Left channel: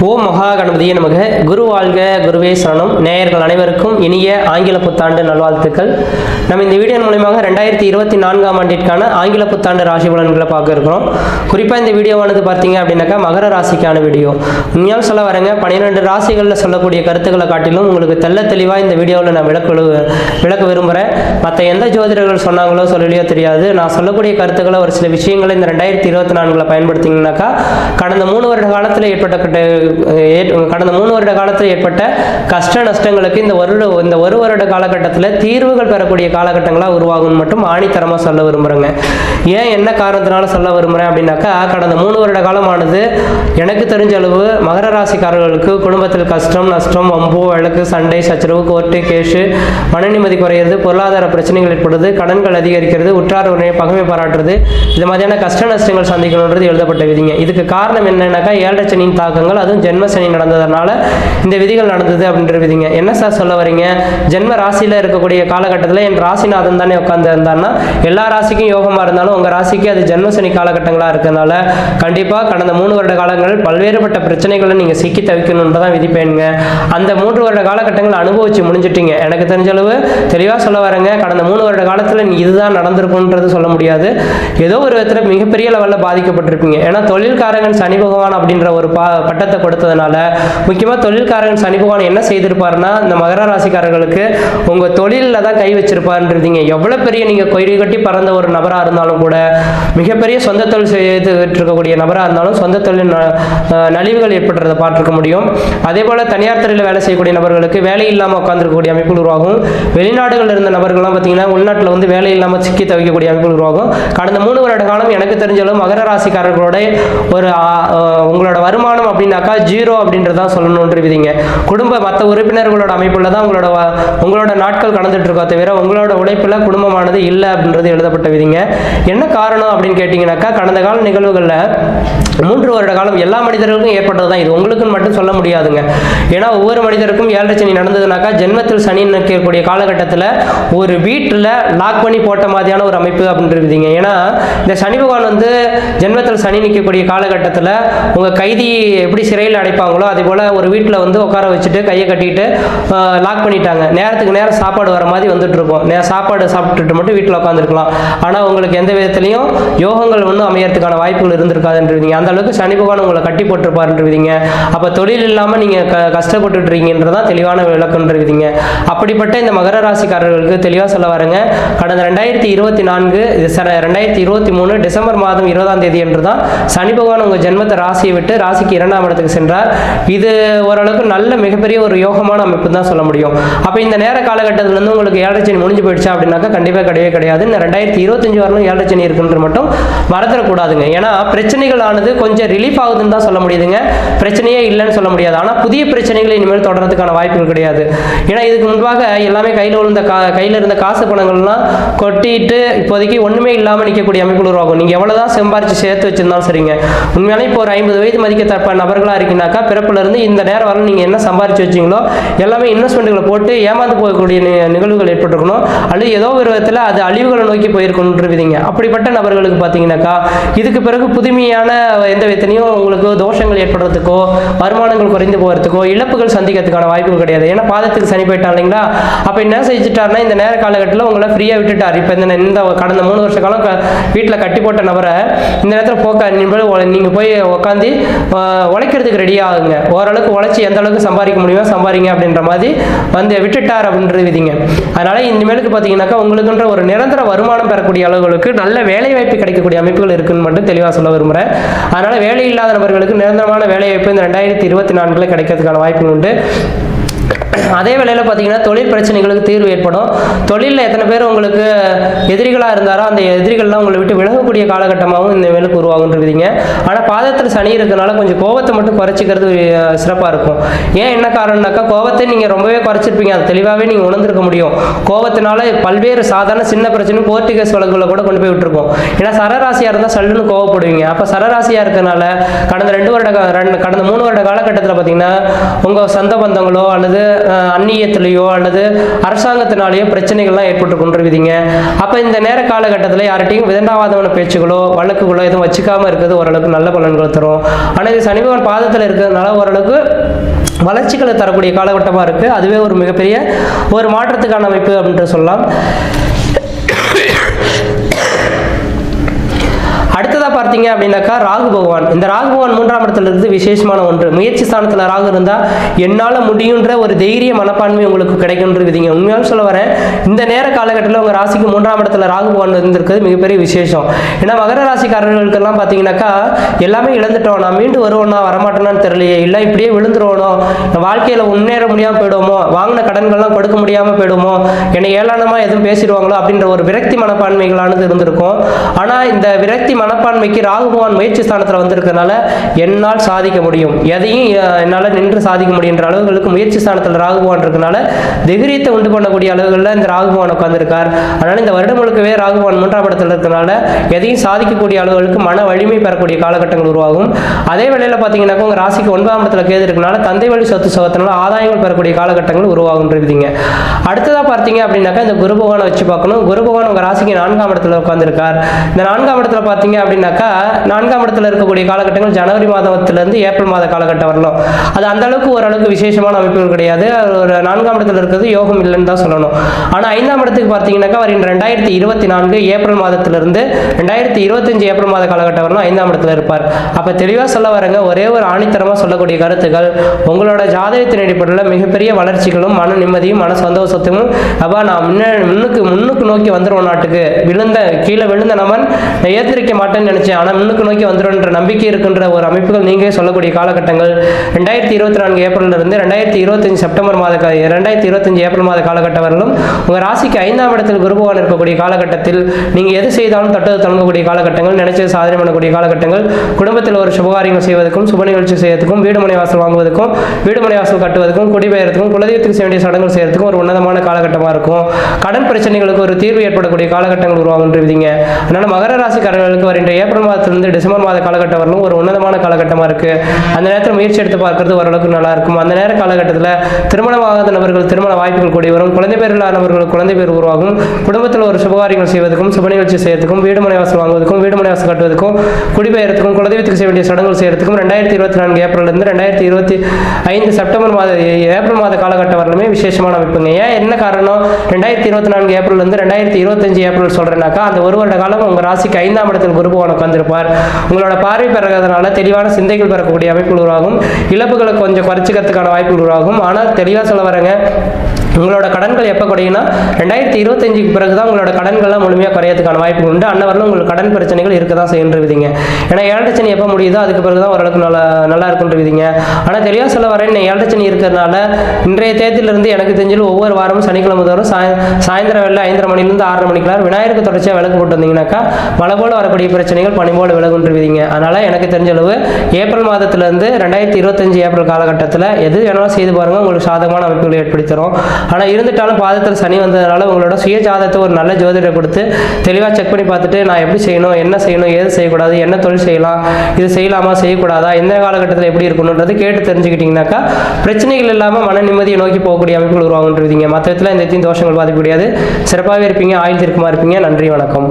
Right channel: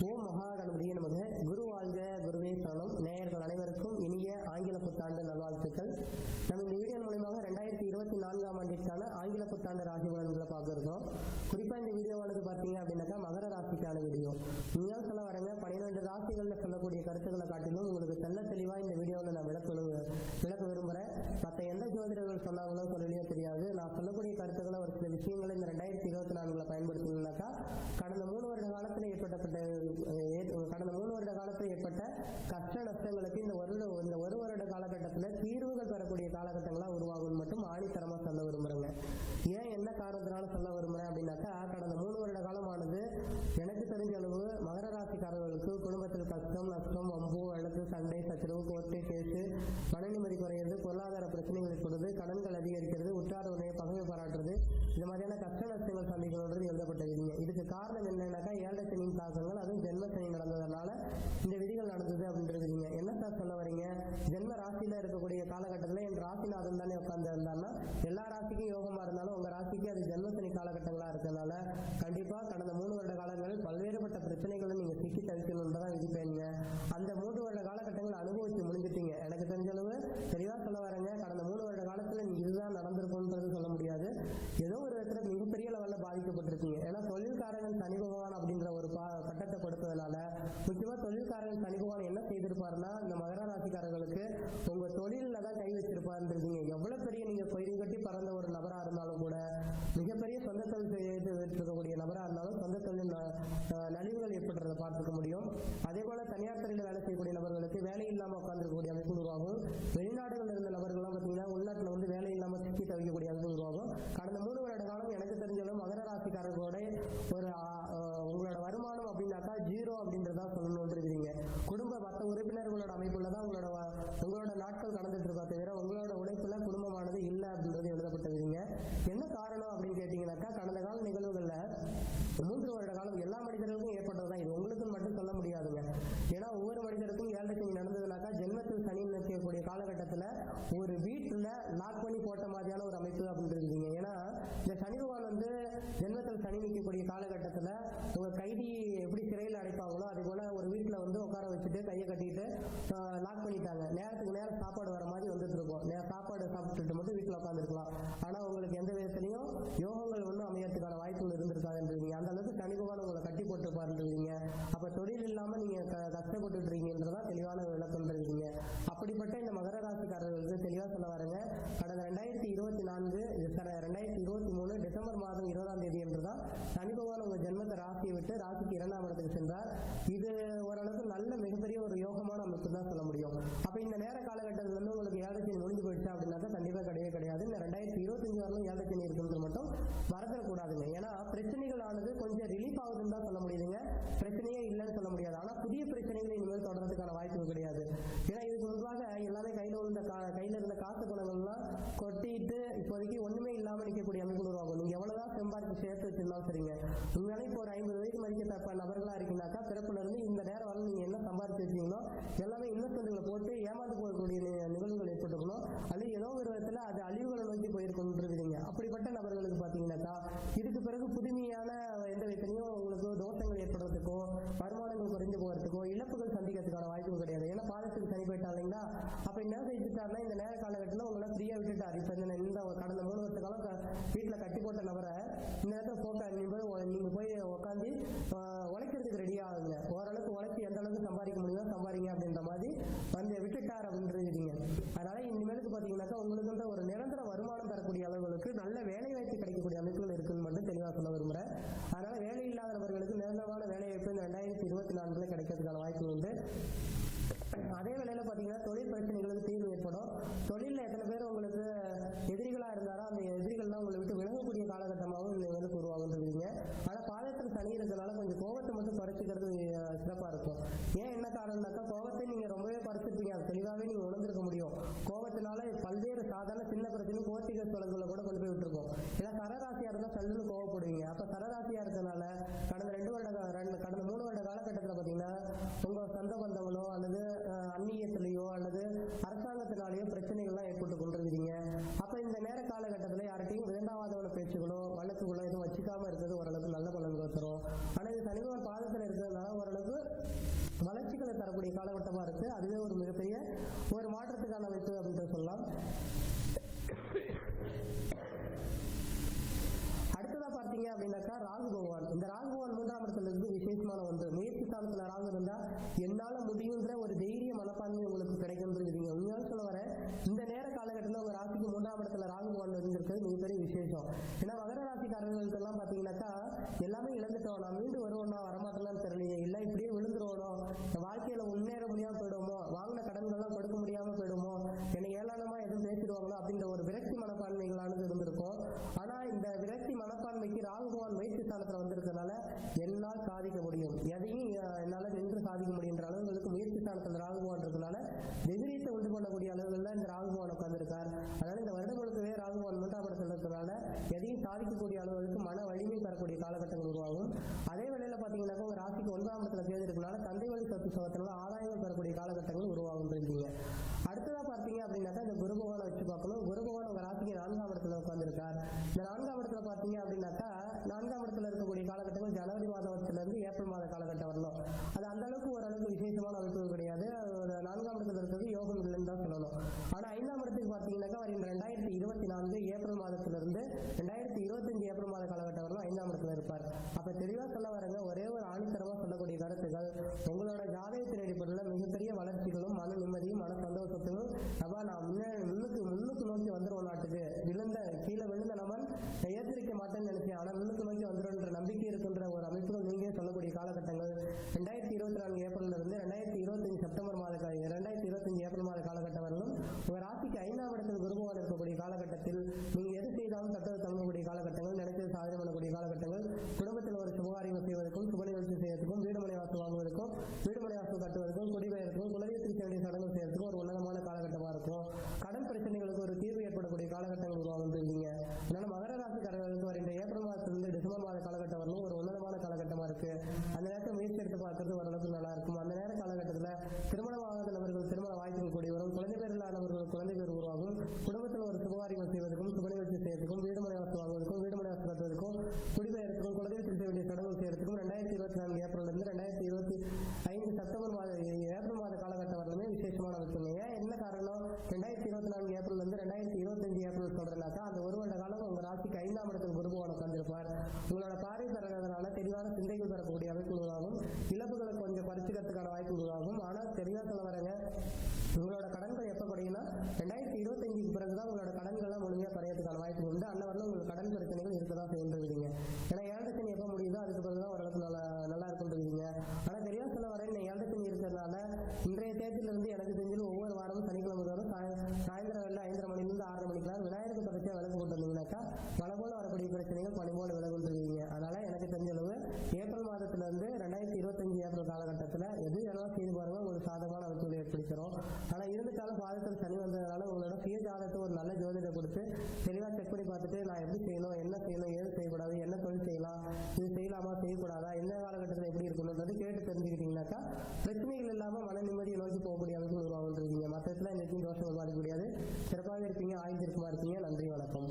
ஓம் மகா கணபதியே நமக. குரு வாழ்க குருவே சரணம். நேயர்கள் அனைவருக்கும் இனிய ஆங்கில புத்தாண்டு நல்வாழ்த்துக்கள். நம்ம இந்த வீடியோ மூலியமாக ரெண்டாயிரத்தி இருபத்தி நான்காம் ஆண்டிற்கான ஆங்கில புத்தாண்டு ராசி பலன்களை பார்க்க இருக்கிறோம். குறிப்பாக இந்த வீடியோவானது பார்த்தீங்க அப்படின்னாக்கா மகர ராசிக்கான வீடியோ. உண்மையாக சொல்ல வரேங்க. பன்னிரெண்டு ராசிகளில் சொல்லக்கூடிய கருத்துக்களை காட்டிலும் உங்களுக்கு தெள்ள தெளிவாக இந்த வீடியோவில் நான் விளக்க விளக்க விரும்புகிறேன் மற்ற எந்த ஜோதிடர்கள் சொன்னாங்களோ சொல்லலையோ தெரியாது. நான் சொல்லக்கூடிய கருத்துக்களை ஒரு சில விஷயங்களை இந்த ரெண்டாயிரத்தி இருபத்தி நான்கில் பயன்படுத்திங்கனாக்கா கடந்த மூணு வருட காலத்தில் ஏற்பட்ட கட்ட- கடந்த மூணு வருட காலத்தில் ஏற்பட்ட கஷ்ட நஷ்டங்களுக்கு இந்த வருட இந்த ஒரு வருட காலகட்டத்தில் தீர்வுகள் பெறக்கூடிய காலகட்டங்களாக உருவாகும்னு மட்டும் ஆணித்தரமாக சொல்ல விரும்புகிறேங்க ஏன் என்ன காரணத்தினால சொல்ல விரும்புகிறேன் அப்படின்னாக்கா கடந்த மூணு வருட காலமானது எனக்கு தெரிஞ்ச அளவு மகர ராசிக்காரர்களுக்கு குடும்பத்தில் கஷ்டம் நஷ்டம் வம்பு வழக்கு சண்டை சச்சரவு கோர்ட்டு கேஷு மனநிம்மதி குறையிறது பொருளாதார பிரச்சனைகள் ஏற்படுது கடன்கள் அதிகரிக்கிறது உற்றார் உடனே பகமை பாராட்டுறது இது மாதிரியான கஷ்ட நஷ்டங்கள் சந்திக்கணுன்றது எழுதப்பட்ட விதிங்க. இதுக்கு காரணம் என்னன்னாக்கா ஏழரை சனியின் தாக்கங்கள் அதுவும் ஜென்ம சனி நடந்ததுனால இந்த விதிகள் நடந்தது அப்படின்ற விதிங்க. என்ன சார் சொல்ல வரீங்க? ஜென்ம ராசியில் இருக்கக்கூடிய காலகட்டத்தில் என் ராசிநாதன் தானே உட்காந்து இருந்தான்னா எல்லா ராசிக்கும் யோகமாக இருந்தாலும் உங்கள் ராசிக்கு அது ஜென்ம சனி காலகட்டங்களாக இருக்கிறதுனால கண்டிப்பாக கடந்த மூணு வருட காலங்கள் பல்வேறுபட்ட பிரச்சனைகளை நீங்கள் சிக்கி தவிக்கணுன்ற தான் விதிப்பேனுங்க அந்த மூன்று வருட காலகட்டங்களை அனுபவிச்சு முடிஞ்சிட்டீங்க. எனக்கு தெரிஞ்ச அளவு தெளிவாக சொல்ல வரேங்க. கடந்த மூணு வருட காலத்தில் இதுதான் நடந்திருக்குன்றது சொல்ல முடியாது. ஏதோ ஒரு விதத்தில் மிகப்பெரிய லெவலில் பாதிக்கப்பட்டிருப்பீங்க. ஏன்னா தொழில்காரகன் சனி பகவான் அப்படின்ற ஒரு பா பட்டத்தை கொடுத்ததுனால முக்கியமாக தொழில்காரன் சனி பகவான் என்ன செய்திருப்பாருன்னா இந்த மகர ராசிக்காரர்களுக்கு உங்கள் தொழிலில் தான் கை வச்சிருப்பாருன்றீங்க. எவ்வளோ பெரிய நீங்கள் கொய்ரி கட்டி பறந்த ஒரு நபராக இருந்தாலும் கூட மிகப்பெரிய சொந்த தொழில் செய்து இருக்கக்கூடிய நபராக இருந்தாலும் சொந்த தொழில் ந- நலிவுகள் ஏற்படுறதை பார்த்துருக்க முடியும். அதே போல் தனியார் துறையில் வேலை செய்யக்கூடிய நபர்களுக்கு வேலை இல்லாமல் உட்காந்துருக்கக்கூடிய அமைப்புகள் உருவாகும். வெளிநாடுகளில் இருந்த நபர்கள்லாம் பார்த்தீங்கன்னா உள்நாட்டில் வந்து வேலை இல்லாமல் சிக்கி தவிக்கக்கூடிய அமைப்புகள் உருவாகும். கடந்த மூணு வருட காலம் எனக்கு தெரிஞ்ச அளவு மகர ராசிக்காரர்களோட ஒரு உங்களோட வருமானம் அப்படின்னாக்கா ஜீரோ அப்படின்றதான் சொல்லணுன்ற விதிங்க குடும்ப மற்ற உறுப்பினர்களோட அமைப்பில் தான் உங்களோட உங்களோட நாட்கள் கடந்துட்டு இருக்கோ தவிர உங்களோட உழைப்பில் குடும்பமானது இல்லை அப்படின்றது எழுதப்பட்ட விதிங்க. என்ன காரணம் அப்படின்னு கேட்டிங்கனாக்கா கடந்த கால நிகழ்வுகளில் மூன்று வருட காலம் எல்லா மனிதர்களுக்கும் ஏற்பட்டது தான் இது. உங்களுக்குன்னு மட்டும் சொல்ல முடியாதுங்க. ஏன்னா ஒவ்வொரு மனிதருக்கும் ஏழரை சனி நடந்ததுனாக்கா ஜென்மத்தில் சனி நிற்கக்கூடிய காலகட்டத்தில் ஒரு வீட்டில் லாக் பண்ணி போட்ட மாதிரியான ஒரு அமைப்பு அப்படின்றதுங்க ஏன்னா இந்த சனி பகவான் வந்து ஜென்மத்தில் சனி நிற்கக்கூடிய காலகட்டத்தில் உங்கள் கைதி எப்படி சிறை கையில் அடைப்பாங்களோ அதே போல் ஒரு வீட்டில் வந்து உட்கார வச்சுட்டு கையை கட்டிட்டு லாக் பண்ணிட்டாங்க. நேரத்துக்கு நேரம் சாப்பாடு வர மாதிரி வந்துட்டு இருக்கும் நே சாப்பாடு சாப்பிட்டுட்டு மட்டும் வீட்டில் உட்காந்துருக்கலாம் ஆனால் உங்களுக்கு எந்த விதத்துலையும் யோகங்கள் ஒன்றும் அமையறதுக்கான வாய்ப்புகள் இருந்திருக்காதுன்றீங்க அந்த அளவுக்கு சனி பகவான் உங்களை கட்டி போட்டிருப்பாருன்றீங்க அப்போ தொழில் இல்லாமல் நீங்கள் க கஷ்டப்பட்டுட்ருக்கீங்கன்றதான் தெளிவான விளக்கன்றீங்க அப்படிப்பட்ட இந்த மகர ராசிக்காரர்களுக்கு தெளிவாக சொல்ல வரேங்க. கடந்த ரெண்டாயிரத்தி இருபத்தி நான்கு ரெண்டாயிரத்தி இருபத்தி மூணு டிசம்பர் மாதம் இருபதாம் தேதி என்று தான் சனி பகவான் உங்கள் ஜென்மத்தை ராசியை விட்டு ராசிக்கு இரண்டாம் இடத்துக்கு சென்றார். இது ஓரளவுக்கு நல்ல மிகப்பெரிய ஒரு யோகமான அமைப்பு தான் சொல்ல முடியும். அப்போ இந்த நேர காலகட்டத்தில் இருந்து உங்களுக்கு ஏழரை சனி முடிஞ்சு போயிடுச்சா அப்படின்னாக்கா கண்டிப்பாக கிடையவே கிடையாது. இந்த ரெண்டாயிரத்தி இருபத்தஞ்சு வரலும் ஏழரை சனி இருக்குன்ற மட்டும் மறந்துடக்கூடாதுங்க. ஏன்னா பிரச்சனைகள் ஆனது கொஞ்சம் ரிலீஃப் ஆகுதுன்னு தான் சொல்ல முடியுதுங்க. பிரச்சனையே இல்லைன்னு சொல்ல முடியாது. ஆனால் புதிய பிரச்சனைகள் இனிமேல் தொடர்றதுக்கான வாய்ப்புகள் கிடையாது. ஏன்னா இதுக்கு முன்பாக எல்லாமே கையில் விழுந்த கா கையில் இருந்த காசு பணங்கள்லாம் கொட்டிட்டு இப்போதைக்கு ஒன்றுமே இல்லாமல் நிற்கக்கூடிய அமைப்புகள் உருவாகும். நீங்கள் எவ்வளோதான் சம்பாரிச்சு சேர்த்து வச்சிருந்தாலும் சரிங்க. உண்மையாலே இப்போ ஒரு ஐம்பது வயது மதிக்கத்தக்க நபர்களாக இருக்கீங்கனாக்கா பிறப்புலேருந்து இந்த நேரம் வரலாம் நீங்கள் என்ன சம்பாரிச்சு வச்சீங்களோ எல்லாமே இன்வெஸ்ட்மெண்ட்டுகளை போட்டு ஏமாந்து போகக்கூடிய நிகழ்வுகள் ஏற்பட்டிருக்கணும். அல்லது ஏதோ ஒரு விதத்தில் அது அழிவுகளை நோக்கி போயிருக்கணுன்றவிதிங்க அப்படிப்பட்ட நபர்களுக்கு பார்த்தீங்கன்னாக்கா இதுக்கு பிறகு புதுமையான எந்த விதத்திலையும் உங்களுக்கு தோஷங்கள் ஏற்படுறதுக்கோ வருமானங்கள் குறைந்து போகிறதுக்கோ இழப்புகள் சந்திக்கிறதுக்கான வாய்ப்புகள் கிடையாது. ஏன்னா பாதத்துக்கு சனி போயிட்டான் இல்லைங்களா? அப்போ என்ன செஞ்சுட்டாருன்னா இந்த நேர காலகட்டத்தில் உங்களை ஃப்ரீயாக விட்டுட்டார். இப்போ இந்த இந்த கடந்த மூணு வருஷ காலம் வீட்டில் கட்டி போட்ட நபரை இந்த நேரத்தில் போக்க நீங்கள் போய் உட்காந்து உழைக்கிறது உழைக்கிறதுக்கு ரெடி ஆகுங்க. ஓரளவுக்கு உழைச்சி எந்த அளவுக்கு சம்பாதிக்க முடியுமோ சம்பாதிங்க அப்படின்ற மாதிரி வந்து விட்டுட்டார் அப்படின்ற விதிங்க. அதனால இனிமேலுக்கு பார்த்தீங்கன்னாக்கா உங்களுக்குன்ற ஒரு நிரந்தர வருமானம் பெறக்கூடிய அளவுகளுக்கு நல்ல வேலை வாய்ப்பு கிடைக்கக்கூடிய அமைப்புகள் இருக்குன்னு மட்டும் தெளிவாக சொல்ல விரும்புகிறேன் அதனால வேலை இல்லாத நபர்களுக்கு நிரந்தரமான வேலை வாய்ப்பு இந்த ரெண்டாயிரத்தி இருபத்தி நான்கில் கிடைக்கிறதுக்கான வாய்ப்புகள் உண்டு. அதே வேளையில் பார்த்தீங்கன்னா தொழில் பிரச்சனைகளுக்கு தீர்வு ஏற்படும். தொழிலில் எத்தனை பேர் உங்களுக்கு எதிரிகளாக இருந்தாரோ அந்த எதிரிகள்லாம் உங்களை விட்டு விலகக்கூடிய காலகட்டமாகவும் இந்த வேலுக்கு இருக்குதுங்க ஆனால் பாதத்தில் சனி இருக்கிறதுனால கொஞ்சம் கோவத்தை மட்டும் குறைச்சிக்கிறது சிறப்பாக இருக்கும். ஏன் என்ன காரணம்னாக்கா கோவத்தை நீங்கள் ரொம்பவே குறைச்சிருப்பீங்க. அது தெளிவாகவே நீங்கள் உணர்ந்திருக்க முடியும். கோவத்தினால பல்வேறு சாதாரண சின்ன பிரச்சனை கோர்ட்டு கேஸ் வழக்குகளை கூட கொண்டு போய் விட்டுருக்கோம். ஏன்னா சரராசியாக இருந்தால் சல்லுன்னு கோவப்படுவீங்க. அப்போ சரராசியாக இருக்கனால கடந்த ரெண்டு வருட ரெண்டு கடந்த மூணு வருட காலகட்டத்தில் பார்த்தீங்கன்னா உங்கள் சொந்த பந்தங்களோ அல்லது அந்நியத்திலேயோ அல்லது அரசாங்கத்தினாலேயோ பிரச்சனைகள்லாம் ஏற்பட்டு கொண்டிருக்குதுங்க. அப்போ இந்த நேர காலகட்டத்தில் யார்கிட்டையும் விதண்டாவாதமான பேச்சுகளோ வழக்குகளோ எதுவும் வச்சுக்காமல் இருக்கிறது ஓரளவுக்கு நல்ல பலன்களை தரும். ஆனால் இது சனி பாதத்தில் இருக்கிறதுனால ஓரளவுக்கு வளர்ச்சிகளை தரக்கூடிய காலகட்டமாக இருக்குது அதுவே ஒரு மிகப்பெரிய ஒரு மாற்றத்துக்கான அமைப்பு அப்படின்ட்டு சொல்லலாம். பார்த்தீங்க அப்படின்னாக்கா ராகு பகவான். இந்த ராகு பகவான் மூன்றாம் இடத்துல இருந்து விசேஷமான ஒன்று. முயற்சி ஸ்தானத்தில் ராகு இருந்தால் என்னால் முடியுன்ற ஒரு தைரிய மனப்பான்மை உங்களுக்கு கிடைக்குன்றதுங்க உண்மையாக சொல்ல வரேன் இந்த நேர காலகட்டத்தில் உங்கள் ராசிக்கு மூன்றாம் இடத்துல ராகு பகவான் இருந்திருக்கிறது மிகப்பெரிய விசேஷம். ஏன்னா மகர ராசிக்காரர்களுக்கெல்லாம் பார்த்தீங்கன்னாக்கா எல்லாமே இழந்துட்டோம். நான் மீண்டும் வருவோம்னா வரமாட்டேனான்னு தெரியலையே. இல்லை இப்படியே விழுந்துருவோனோ? வாழ்க்கையில் முன்னேற முடியாமல் போயிடுவோமோ? வாங்கின கடன்கள்லாம் கொடுக்க முடியாமல் போயிடுமோ என்னை ஏளனமாக எதுவும் பேசிடுவாங்களோ அப்படின்ற ஒரு விரக்தி மனப்பான்மைகளானது இருந்திருக்கும். ஆனால் இந்த விரக்தி மனப்பான்மைக்கு ராகுபவான் முயற்சி ஸ்தானத்தில் வந்திருக்கனால என்னால் சாதிக்க முடியும். எதையும் என்னால் நின்று சாதிக்க முடியுன்ற அளவுகளுக்கு முயற்சி ஸ்தானத்தில் ராகுபவான் இருக்கனால தைரியத்தை உண்டு பண்ணக்கூடிய அளவுகளில் இந்த ராகுபவான் உட்காந்துருக்கார் அதனால் இந்த வருடம் முழுக்கவே ராகுபவான் மூன்றாம் இடத்துல இருக்கனால எதையும் சாதிக்கக்கூடிய அளவுகளுக்கு மன வலிமை பெறக்கூடிய காலகட்டங்கள் உருவாகும். அதே வேளையில் பார்த்தீங்கன்னாக்கா உங்கள் ராசிக்கு ஒன்பதாம் இடத்துல கேது இருக்கனால தந்தை வழி சொத்து சோகத்தினால ஆதாயங்கள் பெறக்கூடிய காலகட்டங்கள் உருவாகும் இருக்கீங்க அடுத்ததாக பார்த்தீங்க அப்படின்னாக்கா இந்த குரு பகவானை வச்சு பார்க்கணும். குரு பகவான் உங்கள் ராசிக்கு நான்காம் இடத்துல உட்காந்துருக்கார் இந்த நான்காம் இடத்துல பார்த்தீங்க அப்படின்னாக்கா நான்காம் இடத்துல இருக்கக்கூடிய காலகட்டங்கள் ஜனவரி மாதத்திலேருந்து ஏப்ரல் மாத காலகட்டம் வரலாம் அது அந்த அளவுக்கு ஓரளவுக்கு விசேஷமான அமைப்புகள் கிடையாது. ஒரு நான்காம் இடத்துல இருக்கிறது யோகம் இல்லைன்னு தான் சொல்லணும். ஆனால் ஐந்தாம் இடத்துக்கு பார்த்தீங்கன்னாக்கா வருகின்ற ரெண்டாயிரத்தி இருபத்தி நான்கு ஏப்ரல் மாதத்திலிருந்து ரெண்டாயிரத்தி இருபத்தஞ்சு ஏப்ரல் மாத காலகட்டம் வரலாம் ஐந்தாம் இடத்துல இருப்பார். அப்போ தெளிவாக சொல்ல வரங்க ஒரே ஒரு ஆணித்தரமாக சொல்லக்கூடிய கருத்துக்கள் உங்களோட ஜாதகத்தின் அடிப்படையில் மிகப்பெரிய வளர்ச்சிகளும் மன நிம்மதியும் மன சந்தோஷத்தையும் அப்போ நான் முன்ன முன்னுக்கு முன்னுக்கு நோக்கி வந்துடுவோம் நாட்டுக்கு. விழுந்த கீழே விழுந்த நமன் ஏற்றிருக்க மாட்டேன்னு நினச்சேன். ஆனால் நோக்கி வந்துடும்ன்ற நம்பிக்கை இருக்கின்ற ஒரு அமைப்புகள் நீங்களே சொல்லக்கூடிய காலகட்டங்கள். ரெண்டாயிரத்தி இருபத்தி நான்கு ஏப்ரல் இருந்து ரெண்டாயிரத்தி இருபத்தஞ்சு செப்டம்பர் மாத ரெண்டாயிரத்தி இருபத்தஞ்சு ஏப்ரல் மாத காலகட்டம் வரலும் உங்கள் ராசிக்கு ஐந்தாம் இடத்தில் குருபவான் இருக்கக்கூடிய காலகட்டத்தில் நீங்கள் எது செய்தாலும் தட்டது தொடங்கக்கூடிய காலகட்டங்கள் நினைச்சது சாதனை பண்ணக்கூடிய காலகட்டங்கள். குடும்பத்தில் ஒரு சுபகாரியங்கள் செய்வதற்கும் சுப நிகழ்ச்சி செய்வதற்கும் வீடு மனை வாசல் வாங்குவதற்கும் வீடு மனை வாசல் கட்டுவதற்கும் குடிபெயர்த்துக்கும் குலதெய்வத்துக்கு செய்ய வேண்டிய சடங்குகள் செய்யறதுக்கும் ஒரு உன்னதமான காலகட்டமாக இருக்கும். கடன் பிரச்சனைகளுக்கு ஒரு தீர்வு ஏற்படக்கூடிய காலகட்டங்கள் உருவாகுன்றீங்க அதனால மகர ராசிக்காரர்களுக்கு வருகின்ற ஏப்ரல் மாதத்துலேருந்து டிசம்பர் மாத காலகட்டம் வரலும் ஒரு உன்னதமான காலகட்டமாக இருக்கு. அந்த நேரத்தில் முயற்சி எடுத்து பார்க்கறது ஓரளவுக்கு நல்லா இருக்கும்? அந்த நேர காலகட்டத்தில் திருமணமாகாத நபர்கள் திருமண வாய்ப்புகள் கூடி வரும். குழந்தை பேர் இல்லாதவர்கள் குழந்தை பேர் உருவாகும். குடும்பத்தில் ஒரு சுபகாரியங்கள் செய்வதற்கும் சுப நிகழ்ச்சி செய்யறதுக்கும் வீடு மனை வாசல் வாங்குவதற்கும் வீடு மனை வாசல் கட்டுவதற்கும் குடிபெயர்த்துக்கும் குலதெய்வத்துக்கு செய்ய வேண்டிய சடங்குகள் செய்யறதுக்கும் ரெண்டாயிரத்தி இருபத்தி நான்கு ஏப்ரல்லேருந்து ரெண்டாயிரத்தி இருபத்தி ஐந்து செப்டம்பர் மாத ஏப்ரல் மாத காலகட்டம் வரலுமே விசேஷமான அமைப்புங்க. ஏன் என்ன காரணம்? ரெண்டாயிரத்தி இருபத்தி நான்கு ஏப்ரல்லேருந்து ரெண்டாயிரத்தி இருபத்தஞ்சு ஏப்ரல் சொல்கிறேன்னாக்கா அந்த ஒரு வருட காலம் உங்கள் ராசிக்கு ஐந்தாம் இடத்தில் குரு பகவான் உட்கார்ந்திருப்பார் உங்களோட பார்வை பிறகுறதுனால தெளிவான சிந்தைகள் பெறக்கூடிய அமைப்பு உருவாகும். இழப்புகளை கொஞ்சம் குறைச்சிக்கிறதுக்கான வாய்ப்புகள் உருவாகும். ஆனால் தெளிவாக சொல்ல வரேங்க. உங்களோட கடன்கள் எப்போ குறையும்னா ரெண்டாயிரத்தி இருபத்தஞ்சுக்கு பிறகு தான் உங்களோட கடன்கள்லாம் முழுமையாக குறையதுக்கான வாய்ப்பு உண்டு. அன்னவரில் உங்களுக்கு கடன் பிரச்சனைகள் இருக்க தான் செய்யுன்றவிதிங்க ஏன்னா ஏழரை எப்போ முடியுதோ அதுக்கு பிறகு தான் ஓரளவுக்கு நல்லா நல்லா இருக்குன்றவிதிங்க ஆனால் தெளிவாக சொல்ல வரேன் இன்னும் ஏழரை சனி இருக்கிறதுனால இன்றைய தேதியிலிருந்து எனக்கு தெரிஞ்சு ஒவ்வொரு வாரமும் சனிக்கிழமை தோறும் சாய சாயந்தரம் வேலை ஐந்தரை மணிலேருந்து ஆறரை மணிக்குள்ளார் விநாயகருக்கு தொடர்ச்சியாக விளக்கு போட்டு வந்தீங்கன்னாக்கா மழை போல வரக்கூடிய பிரச்சனைகள் பனி போல விலகுன்றவிதிங்க அதனால் எனக்கு தெரிஞ்ச அளவு ஏப்ரல் மாதத்துலேருந்து ரெண்டாயிரத்தி இருபத்தஞ்சு ஏப்ரல் காலகட்டத்தில் எது வேணாலும் செய்து பாருங்கள் உங்களுக்கு சாதகமான அமைப்புகளை ஏற்படுத்தி தரும் ஆனால் இருந்துட்டாலும் பாதத்தில் சனி வந்ததுனால உங்களோட சுய ஜாதகத்தை ஒரு நல்ல ஜோதிடரை கொடுத்து தெளிவாக செக் பண்ணி பார்த்துட்டு நான் எப்படி செய்யணும் என்ன செய்யணும் ஏது செய்யக்கூடாது என்ன தொழில் செய்யலாம் இது செய்யலாமா செய்யக்கூடாதா எந்த காலகட்டத்தில் எப்படி இருக்கணுன்றது கேட்டு தெரிஞ்சுக்கிட்டிங்கனாக்கா பிரச்சனைகள் இல்லாமல் மன நிம்மதியை நோக்கி போகக்கூடிய அமைப்புகள் உருவாகுன்றீங்க மற்ற விதத்தில் இந்த எத்தையும் தோஷங்கள் பாதிக்க முடியாது சிறப்பாகவே இருப்பீங்க ஆயுள் திருக்கமாக இருப்பீங்க. நன்றி வணக்கம்.